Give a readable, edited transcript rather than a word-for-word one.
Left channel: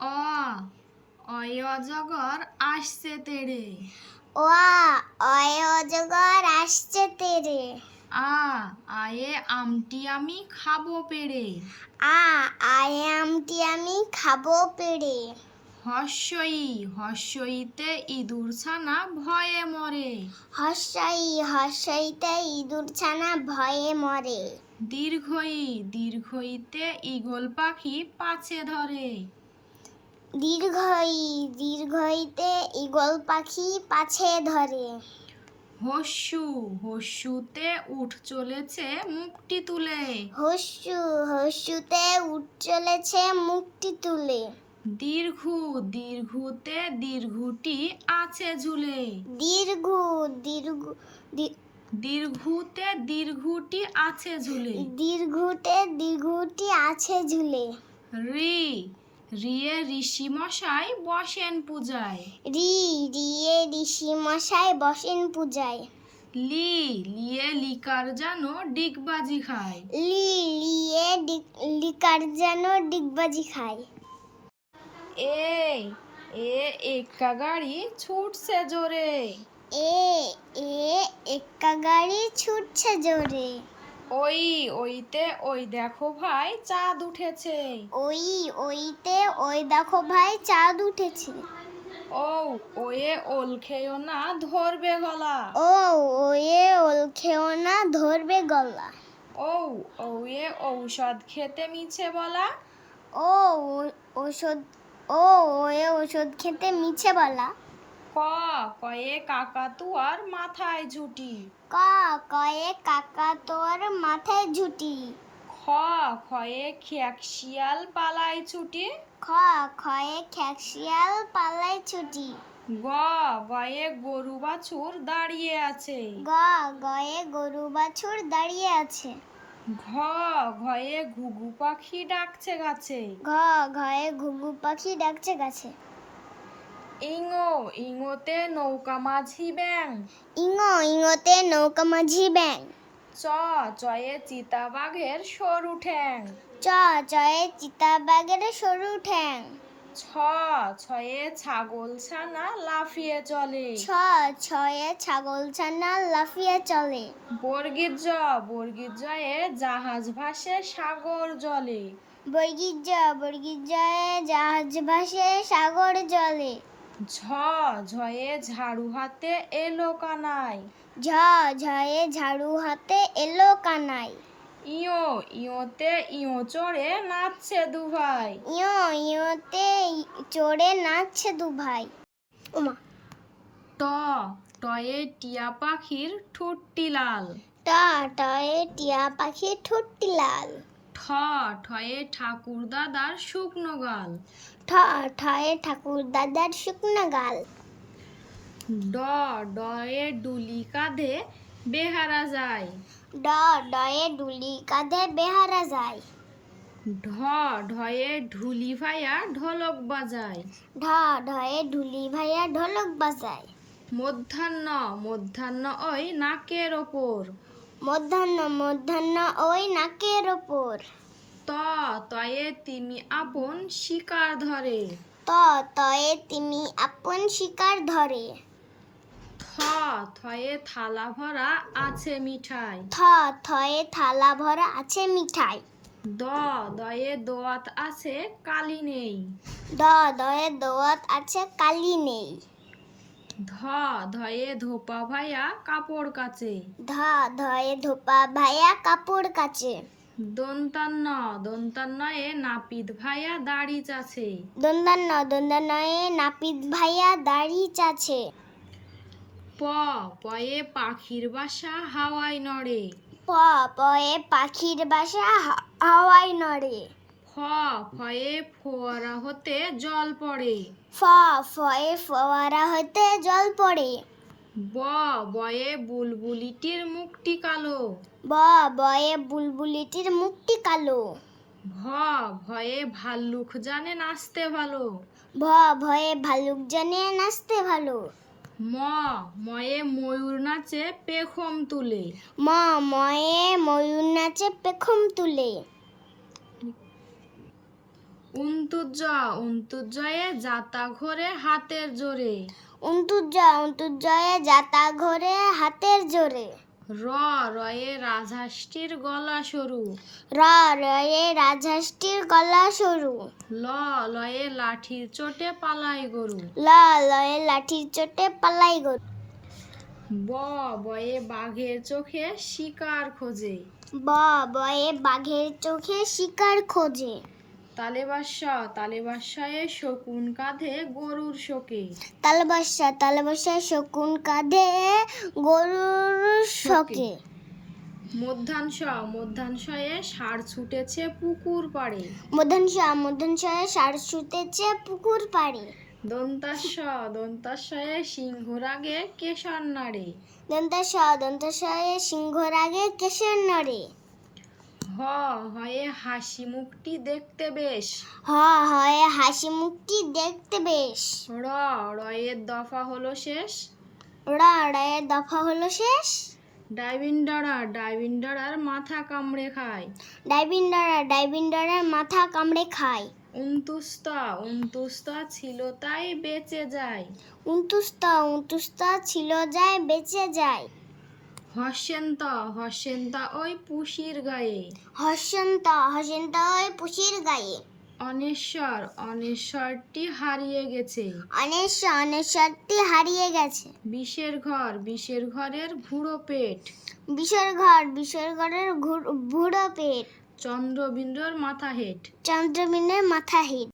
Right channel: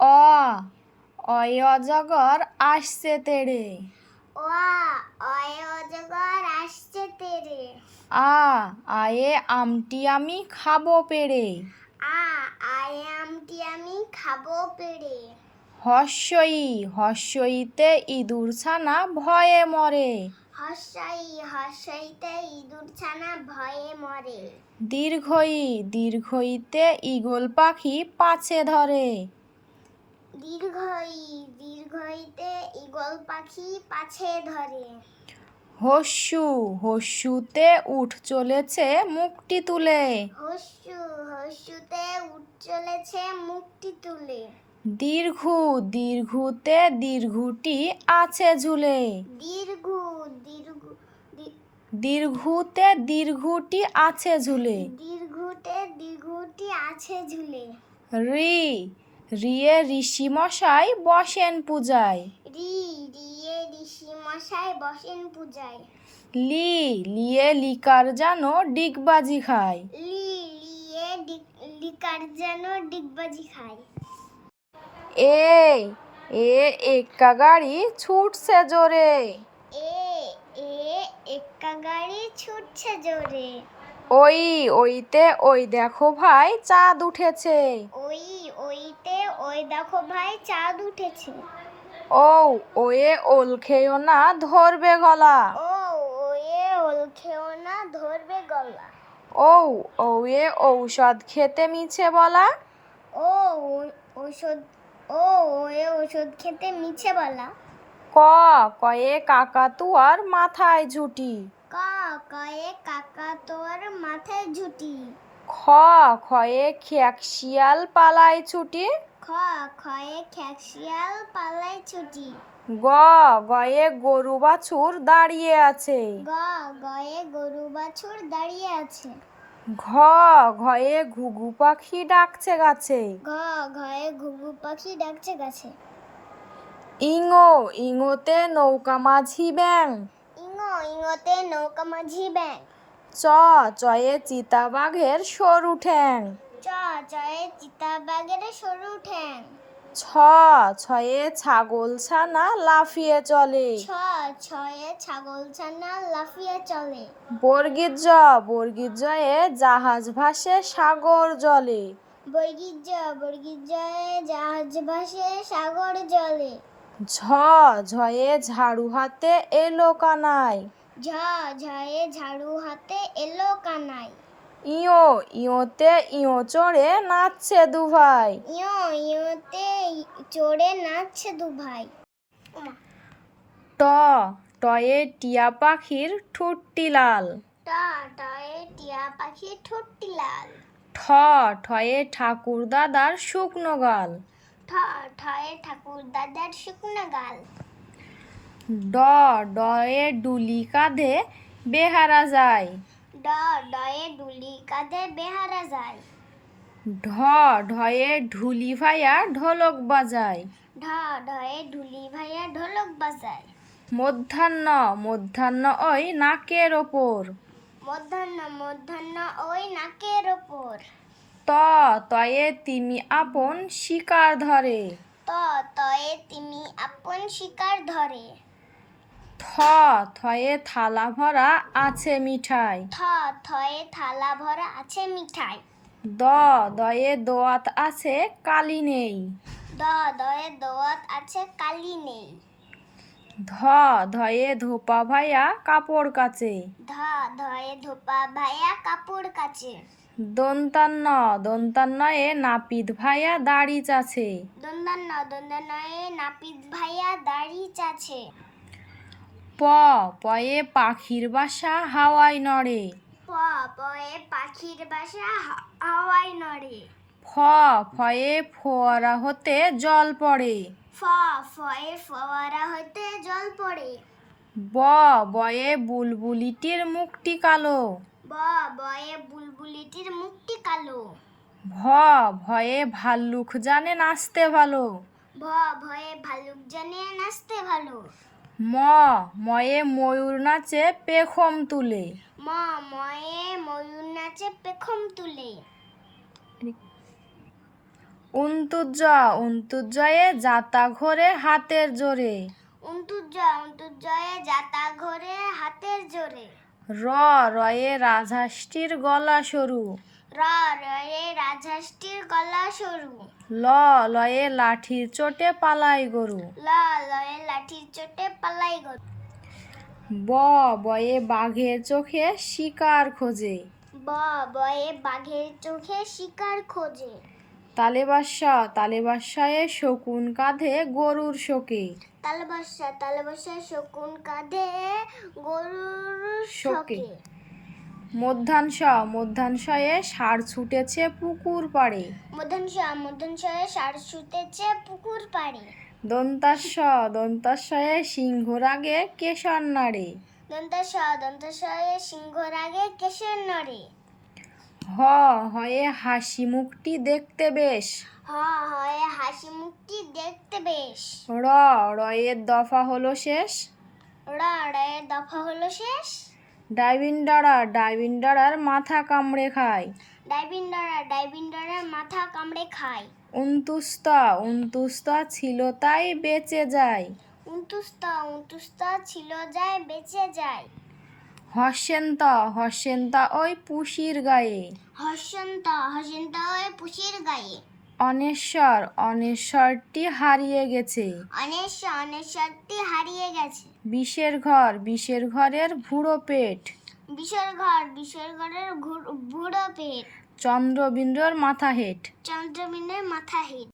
অ অয় অজগর আসছে তেড়ে। অয় অজগর আসছে তেড়ে। আয়ে আমটি আমি খাবো পেড়ে। আয়ে আমটি আমি খাবো পেড়ে। হস্যইতে ইঁদুর ছানা ভয়ে মরে। হর্ষইতে ইঁদুর ছানা ভয়ে মরে। দীর্ঘইতে ঈগল পাখি পাছে ধরে। দীর্ঘইতে ঈগল পাখি পাছে ধরে। হস্যুতে উঠ চলেছে মুখটি তুলে। হস্যুতে উঠ চলেছে মুখটি তুলে। দীর্ঘুতে দীর্ঘটি আছে ঝুলে। দীর্ঘুতে দীর্ঘটি আছে ঝুলে। দীর্ঘটি আছে ঝুলে। রিয়ে ঋষি মশাই বসেন পূজায়। রিয়ে ঋষি মশাই বসেন পূজায়। লিয়ে লিকার যেন ডিগবাজি খায়। লিয়ে লিকার যেন ডিগবাজি খায়। এক্কা গাড়ি ছুটছে জোরে। এক্কা গাড়ি ছুটছে জোরে। ওইতে ওই দেখো ভাই চাঁদ উঠেছে। ওইতে ওই দেখো ভাই চাঁদ উঠেছে। ওয়ে ওল খেও না ধরবে গলা। ওয়ে ওল খেও না ধরবে গলা। ওয়ে ঔষধ খেতে মিছে বলা। ওয়ে ঔষধ খেতে মিছে বলা। কয়ে কাকাতুয়ার মাথায় ঝুটি। কয়ে কাকাতুয়ার মাথায় ঝুটি। খয়ে খেক শিয়াল পালায় ছুটি। খয়ে খেকশিয়াল পালায় ছুটি। গয়ে গরু বাছুর দাঁড়িয়ে আছে। গয়ে গরু বাছুর দাঁড়িয়ে আছে। ঘয়ে ঘুঘু পাখি ডাকছে গাছে। ঘয়ে ঘুঘু পাখি ডাকছে গাছে। ইঙোতে নৌকা মাঝি ব্যাং। ইঙোতে নৌকা মাঝি ব্যাং। চয়ে চিতাবাঘের সরু ঠ্যাং। চয়ে চিতাবাঘের সরু ঠ্যাং। ছয়ে ছাগল ছানা লাফিয়ে চলে। ছয়ে ছাগল ছানা লাফিয়ে চলে। বর্গীর জয়ে জাহাজ ভাসে সাগর জলে। বর্গীর জয়ে জাহাজ ভাসে সাগর জলে। ঝয়ে ঝাড়ু হাতে এলো কানাই। ঝয়ে ঝাড়ু হাতে এলো কানাই। ইয়োতে ইয়ো চড়ে নাচছে দুভাই। ইয়োতে চড়ে নাচছে দুভাই। টয়ে টিয়া পাখির ঠোঁটটি লাল। টয়ে টিয়া পাখির ঠোঁটটি লাল। ঠয়ে ঠাকুর দাদার শুকনো গাল। ঠয়ে ঠাকুর দাদার শুকনো গাল। ডয়ে ডুলি কাঁধে বেহারা যায়। ডয়ে ডুলি কাঁধে বেহারা যায়। ঢয়ে ঢুলি ভাইয়া ঢোলক বাজায়। ঢয়ে ঢুলি ভাইয়া ঢোলক বাজায়। মধ্যাহ্ন ওই নাকের ওপর। মধ্যাহ্ন ওই নাকের ওপর। তয়ে তিমি আপন শিকার ধরে। তয়ে তিমি আপন শিকার ধরে। থয়ে থালা ভরা আছে মিঠাই। থয়ে থালা ভরা আছে মিঠাই। দয়ে দোয়াত আছে কালি নেই। দয়ে দোয়াত আছে কালি নেই। ধয়ে ধোপা ভাইয়া কাপড় কাচে। ধয়ে ধোপা ভাইয়া কাপড় কাচে। দন্তান্নয়ে নাপিত ভাইয়া দাড়ি চাছে। দন্তান্নয়ে নাপিত ভাইয়া দাড়ি চাছে। পয়ে পাখির বাসা হাওয়ায় নড়ে। পয়ে পাখির বাসা হাওয়ায় নড়ে। ফয়ে ফোয়ারা হতে জল পড়ে। ফয়ে ফোয়ারা হতে জল পড়ে। বয়ে বুলবুলিটির মুখটি কালো। বয়ে বুলবুলিটির মুখটি কালো। ভয়ে ভাল্লুক জানে নাচতে ভালো। ভয়ে ভাল্লুক জানে নাচতে ভালো। ময়ে ময়ূর নাচে পেখম তুলে। ময়ে ময়ূর নাচে পেখম তুলে। উন্তুজয়ে যাতা ঘোরে হাতের জোরে। অন্তুজয়ে যাতা ঘোরে হাতের জোরে। রয়ে রাজহাঁসটির গলা সরু। রয়ে রাজহাঁসটির গলা সরু। লয়ে লাঠির চোটে পালাই গরু। লয়ে লাঠির চোটে পালাই গরু। বয়ে বাঘের চোখে শিকার খোঁজে। বয়ে বাঘের চোখে শিকার খোঁজে। তালেবাসায়ে শকুন কাঁধে গরুর শোকে। তালবাসা শকুন কাঁধে গরুর শোকে। মধ্যাংশয়ে ষাঁড় ছুটেছে পুকুর পাড়ে। মধ্যাংশয়ে ষাঁড় ছুটেছে পুকুর পাড়ে। দন্তাশয়ে সিংহর আগে কেশর নাড়ে। দন্তাশয়ে সিংহর আগে কেশর নড়ে। হয়ে হাসি মুখটি দেখতে বেশ। হয়ে হাসি মুখটি দেখতে বেশ। রয়ের দফা হলো শেষ। রয়ের দফা হলো শেষ। ডাইভিন্ডারার মাথা কামড়ে খায়। ডাইভিন্ডারের মাথা কামড়ে খায়। উন্তুস্তা ছিল তাই বেঁচে যায়। উন্তুস্তা ছিল যায় বেঁচে যায়। হস্যেন্তা ওই পুষির গায়ে। হস্যন্তা ওই পুষির গায়ে। অনেশ্বরটি হারিয়ে গেছে। অনেশ্বরটি হারিয়ে গেছে। বিষের ঘরের ভুড়ো পেট। বিষের ঘরের ভুড়ো পেট। চন্দ্রবিন্দুর মাথা হেট। চন্দ্রবিনের মাথা হেট।